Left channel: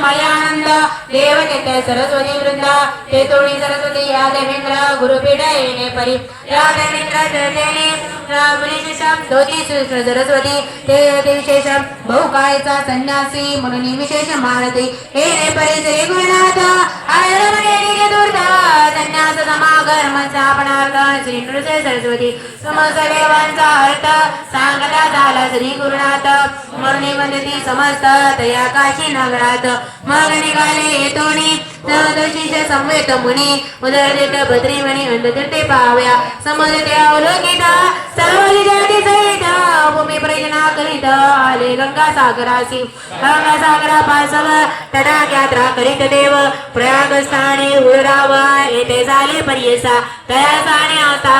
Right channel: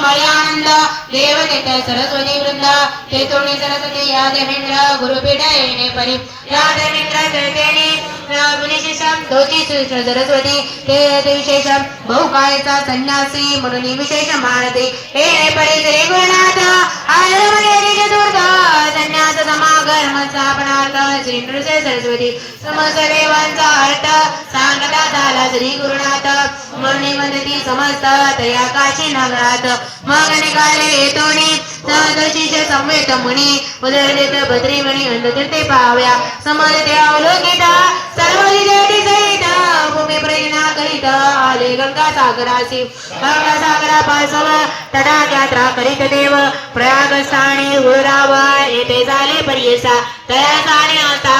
मयानंद सरस्वती वृंद ते तोणी सरस्वती या देवेंद्र गुरुपीठ येणे परी. या देवेंद्र धोती सरस्वती ते विशेषम बहुकायचा संन्यासी म्हणून विशेष मानते हे रे परी श्री गुरुनाथ आयुर्वेदी संन्यास समागम स्थापनार्थ श्री नृसे सरस्वती. समस्त देवांचा अर्थ सांगता झाला श्री गुरुनाथ. मरणी म्हणती समस्त तया काशी नगरात मग निघाले येतोनी सदशीष संवेत मुनी. उदरदित भद्रीमणी अंधकृते पाव्या समर्थ अवलोकिता सर्व जाती सहिता. भूमी प्रेरणा करीत. आले गंगा सागरासी गंगा सागरा पासव तदा यात्रा करीत देव. प्रयाग स्थानी उराव येथे झाले पर्यसा. तया स्थानी आता